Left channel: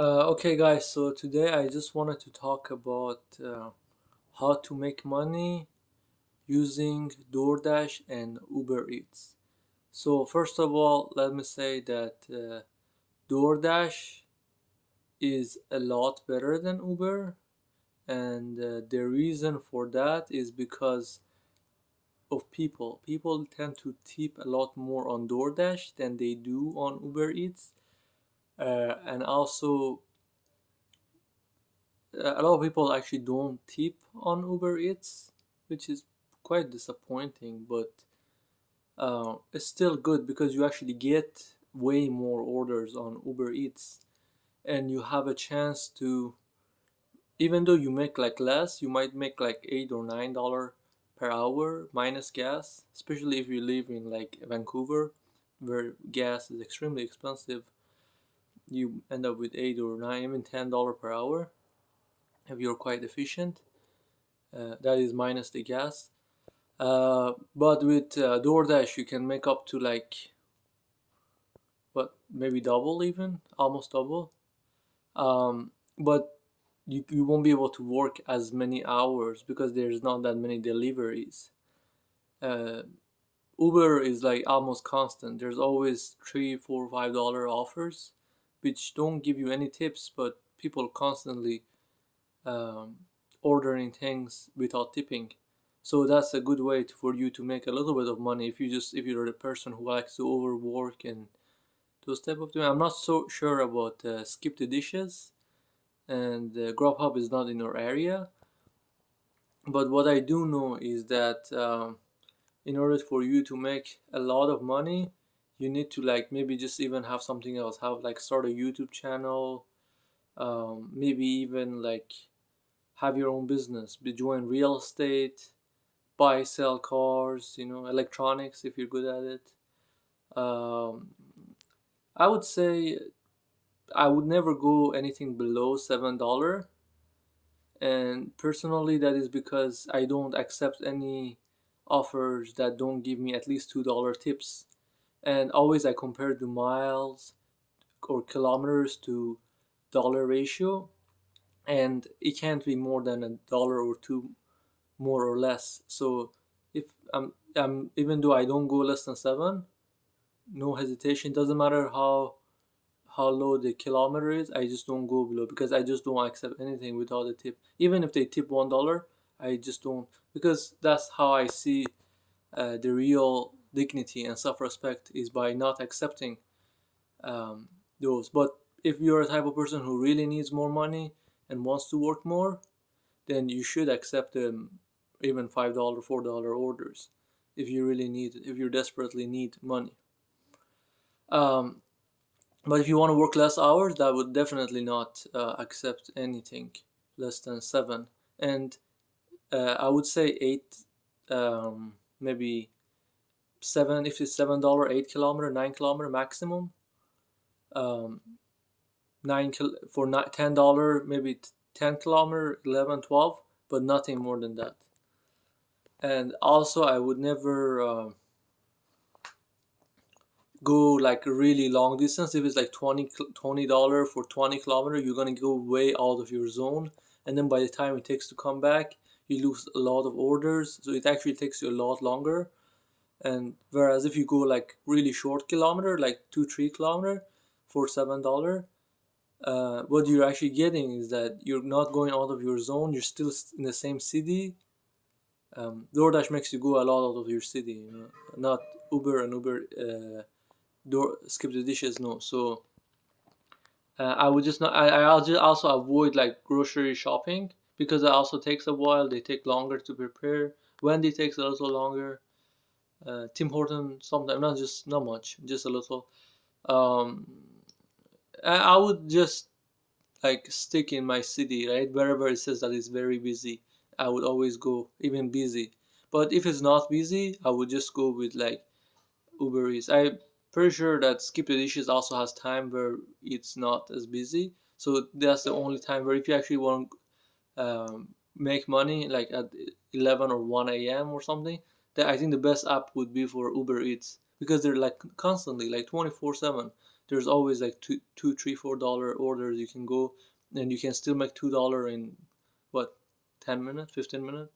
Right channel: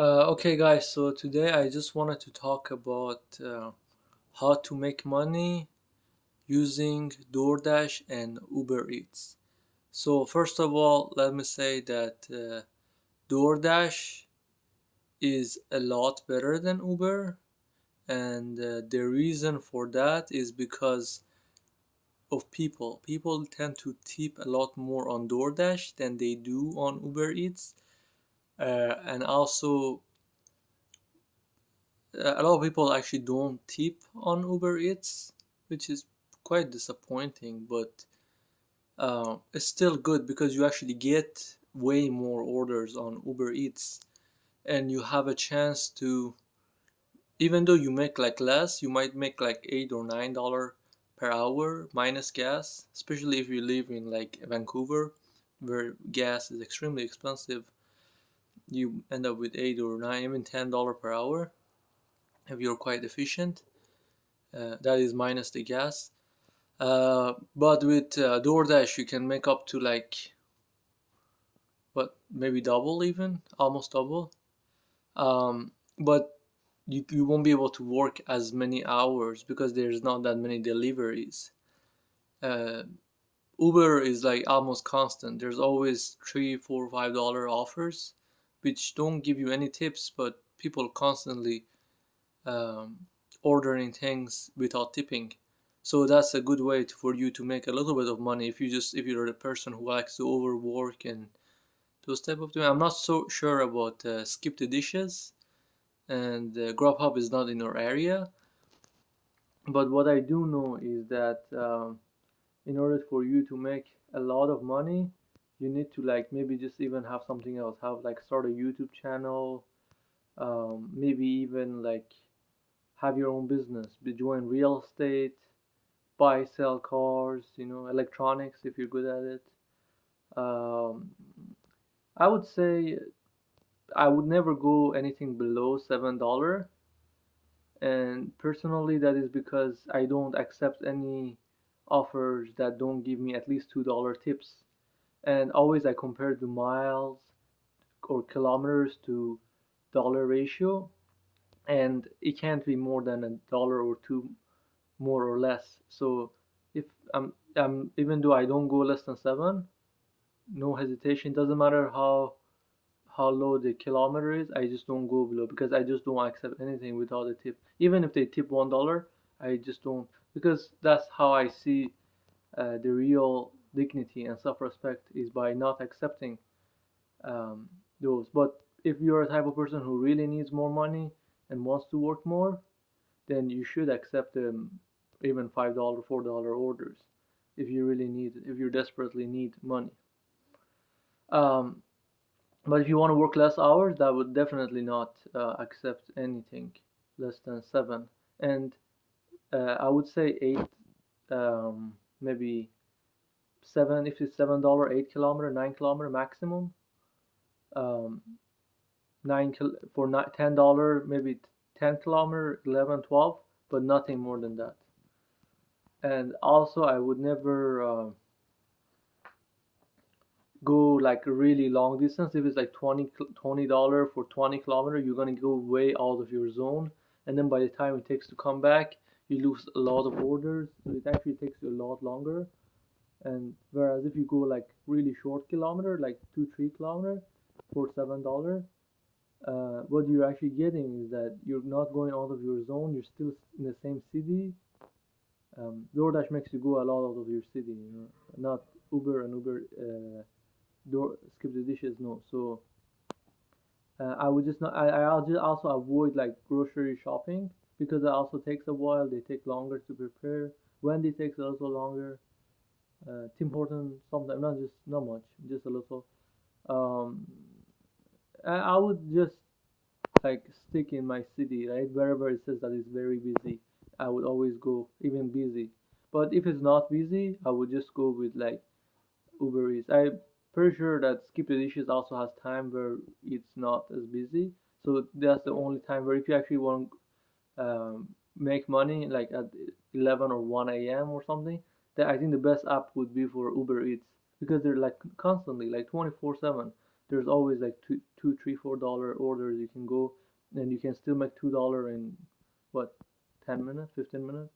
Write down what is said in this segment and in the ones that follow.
Okay, guys, so today I just wanted to talk about how to make money using DoorDash and Uber Eats. So, first of all, let me say that DoorDash is a lot better than Uber, and the reason for that is because of people. People tend to tip a lot more on DoorDash than they do on Uber Eats, and also a lot of people actually don't tip on Uber Eats, which is quite disappointing, but it's still good because you actually get way more orders on Uber Eats and you have a chance to, even though you make like less, you might make like $8 or $9 per hour minus gas, especially if you live in like Vancouver where gas is extremely expensive. You end up with 8 or 9, even $10 per hour if you're quite efficient. That is minus the gas. But with DoorDash, you can make up to like, what, maybe double, even almost double. But you won't be able to work as many hours because there's not that many deliveries. Uh, Uber is like almost constant. There's always $3, $4, $5 offers, which don't give you any tips, but people constantly um, ordering things without tipping. So that's a good way for you to make a little bit of money if you're the person who likes to overwork and those type of things. I'm not so sure about skip the dishes, and Grubhub is not in our area. But what I do know is that in order for you to make a lot of money, you need to like maybe just even have something else. Have like start a YouTube channel, maybe even like have your own business, be join real estate, buy sell cars, electronics if you're good at it. um, I would say I would never go anything below $7, and personally that is because I don't accept any offers that don't give me at least $2 tips, and always I compare the miles or kilometers to dollar ratio, and it can't be more than $1 or $2 more or less. So if I'm even though I don't go less than 7, no hesitation. Doesn't matter how low the kilometer is. I just don't go below because I just don't accept anything without a tip. Even if they tip $1, I just don't, because that's how I see the real dignity and self-respect is by not accepting um, those. But if you're a type of person who really needs more money and wants to work more, then you should accept even $5, $4 orders if you desperately need money. Um, but if you want to work less hours, that would definitely not accept anything less than 7. And I would say 8, maybe 7, if it's $7, 8 kilometer, 9 kilometer maximum. Um, for $10, maybe 10 kilometer, 11, 12, but nothing more than that. And also, I would never go like a really long distance. If it's like $20 for 20 kilometer, you're gonna go way out of your zone, and then by the time it takes to come back, you lose a lot of orders. So it actually takes you a lot longer. And whereas if you go like really short kilometer, like 2 3 kilometer for $7, what you're actually getting is that you're not going out of your zone. You're still in the same city. DoorDash makes you go a lot out of your city, not Uber, and Uber door skip the dishes, no. So I would just not. I'll just also avoid like grocery shopping because it also takes a while. They take longer to prepare. Wendy takes a little longer. Tim Horton sometimes, not much, just a little. Um, I would just like stick in my city, right? Wherever it says that it's very busy, I would always go, even busy. But if it's not busy, I would just go with like Uber Eats. I'm pretty sure that Skip the Dishes also has time where it's not as busy. So that's the only time where if you actually want to make money, like at 11 or 1 a.m. or something, then I think the best app would be for Uber Eats because they're like constantly, like 24/7. there's always like two, three, $4 orders you can go, and you can still make $2 in what, 10 minutes, 15 minutes.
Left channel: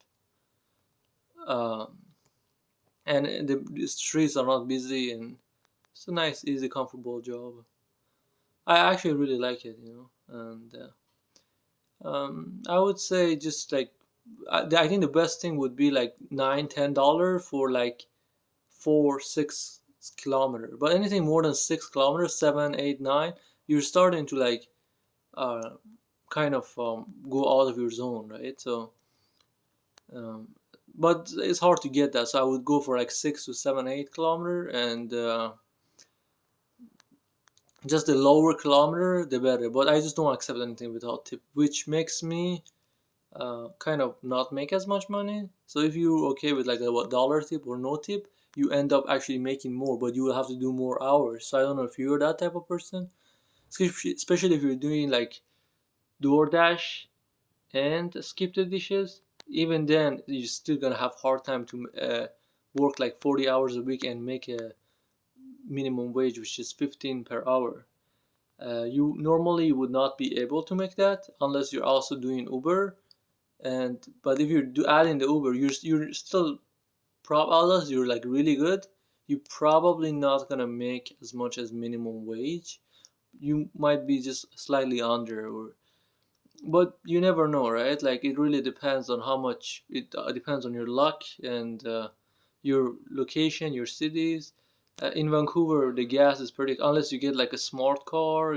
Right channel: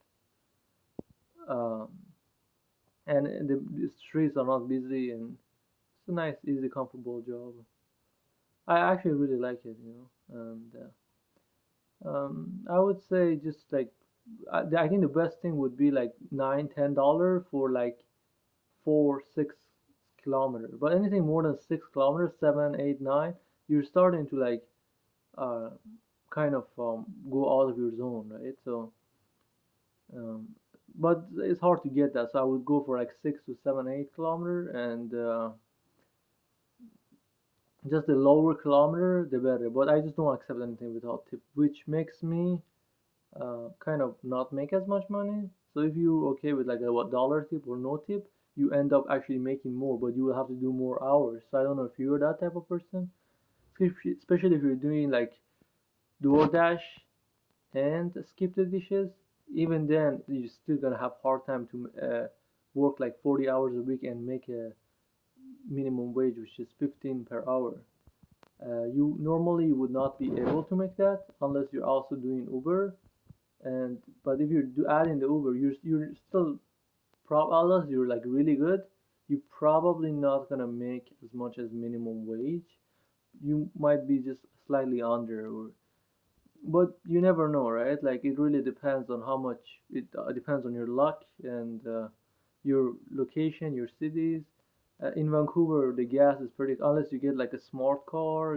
Um, and the streets are not busy, and it's a nice, easy, comfortable job. I actually really like it, and I would say just like I think the best thing would be like $9, $10 for like 4, 6 kilometer. But anything more than 6 kilometers, 7, 8, 9, you're starting to like uh kind of go out of your zone, right? So um, but it's hard to get that. So I would go for like 6 to 7, 8 kilometer, and just the lower kilometer, the better. But I just don't accept anything without tip, which makes me kind of not make as much money. So if you're okay with like a dollar tip or no tip, you end up actually making more, but you will have to do more hours. So I don't know if you're that type of person, especially if you're doing like DoorDash and skip the dishes. Even then, you're still gonna have hard time to work like 40 hours a week and make a minimum wage, which is 15 per hour. You normally would not be able to make that unless you're also doing Uber. And but if you're adding the Uber, you're still unless you're like really good, you're probably not gonna make as much as minimum wage. You might be just slightly under, or but you never know, right? Like it really depends on how much it depends on your luck and your location, your cities. In Vancouver, the gas is pretty, unless you get like a smart car,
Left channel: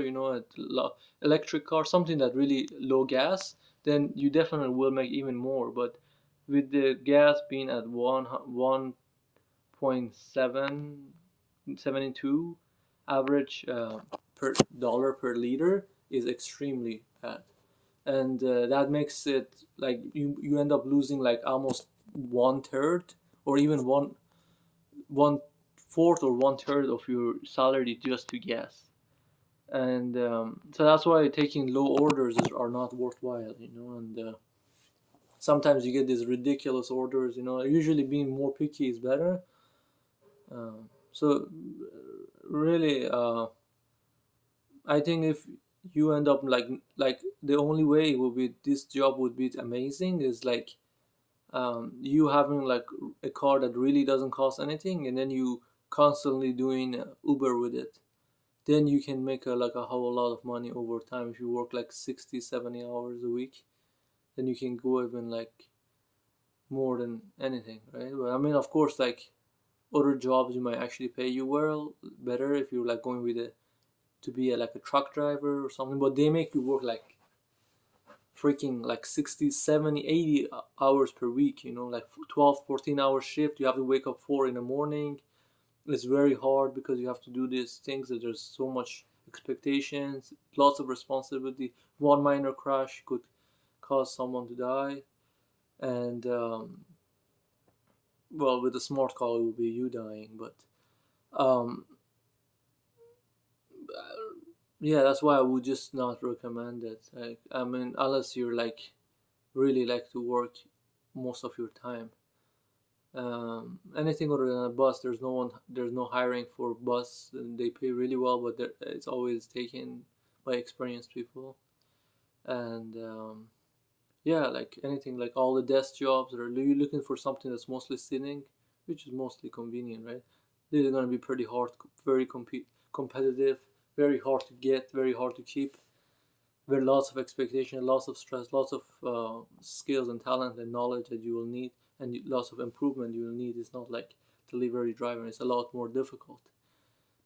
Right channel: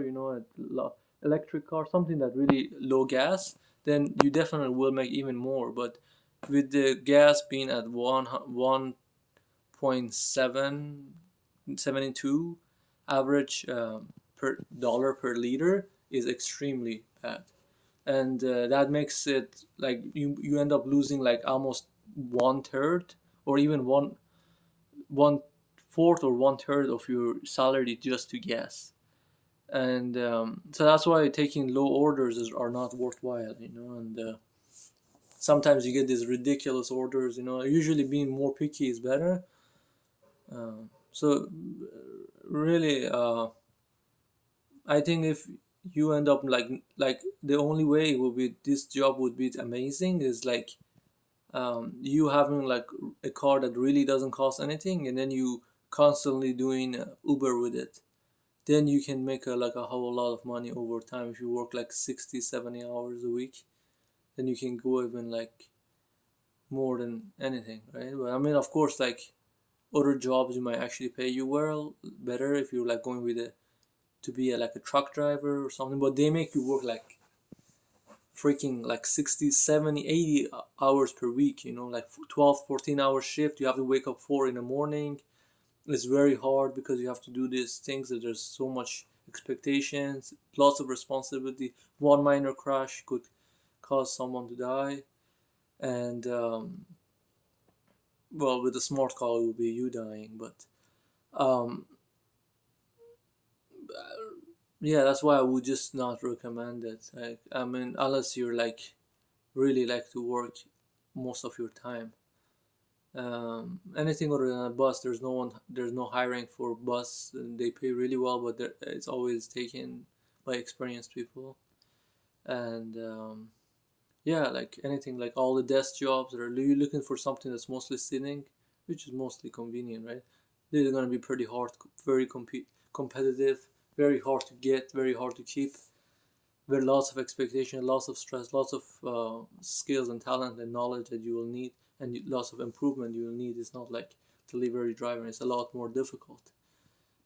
electric car, something that really low gas, then you definitely will make even more. But with the gas being at 1.72 average per dollar per liter is extremely bad, and that makes it like you end up losing like almost 1/3, or even one fourth or 1/3 of your salary just to gas. And so that's why taking low orders are not worthwhile, and sometimes you get these ridiculous orders, usually being more picky is better. So really, I think if you end up like the only way it would be this job would be amazing is like you having like a car that really doesn't cost anything, and then you constantly doing Uber with it. Then you can make like a whole lot of money over time if you work like 60, 70 hours a week. Then you can go even like more than anything, right? But I mean, of course, like other jobs you might actually pay you well better if you're like going with it to be like a truck driver or something, but they make you work like freaking like 60, 70, 80 hours per week, like 12, 14 hour shift. You have to wake up 4 in the morning. It's very hard because you have to do these things that there's so much expectations, lots of responsibility. One minor crash could cause someone to die, and well, with a smart car it will be you dying. But um, yeah, that's why I would just not recommend it. Like, I mean, unless you're like really like to work most of your time. Anything other than a bus, there's no hiring for bus, and they pay really well, but it's always taken by experienced people. And yeah, like anything, like all the desk jobs, are you looking for something that's mostly sitting, which is mostly convenient, right? They're gonna be pretty hard, very competitive, very hard to get, very hard to keep. There are lots of expectation, lots of stress, lots of skills and talent and knowledge that you will need, and lots of improvement you will need. It's not like delivery driving; it's a lot more difficult.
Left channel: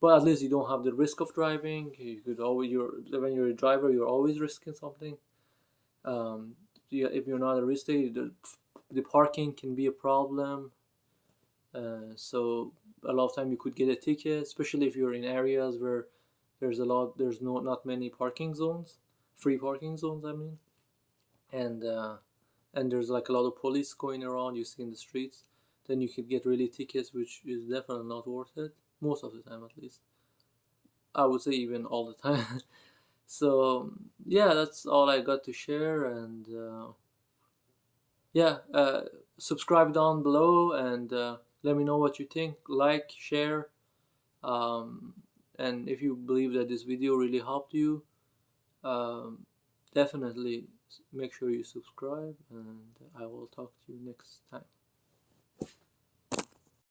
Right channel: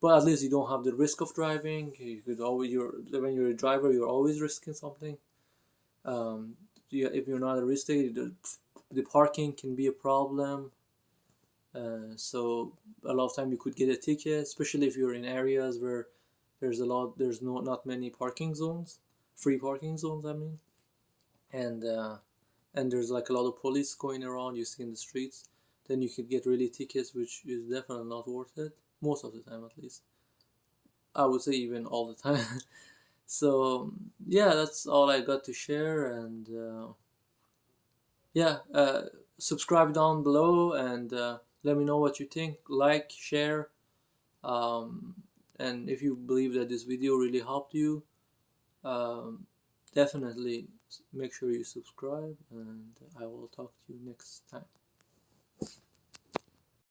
But at least you don't have the risk of driving. You could always, when you're a driver, you're always risking something. Um, if you're not a risk taker, the parking can be a problem. So a lot of time you could get a ticket, especially if you're in areas where there's not many parking zones, free parking zones, I mean, and there's like a lot of police going around you see in the streets. Then you could get really tickets, which is definitely not worth it most of the time, at least. I would say even all the time. So yeah, that's all I got to share, and yeah, subscribe down below, and let me know what you think. Like, share, um, And if you believe that this video really helped you, definitely make sure you subscribe, and I will talk to you next time.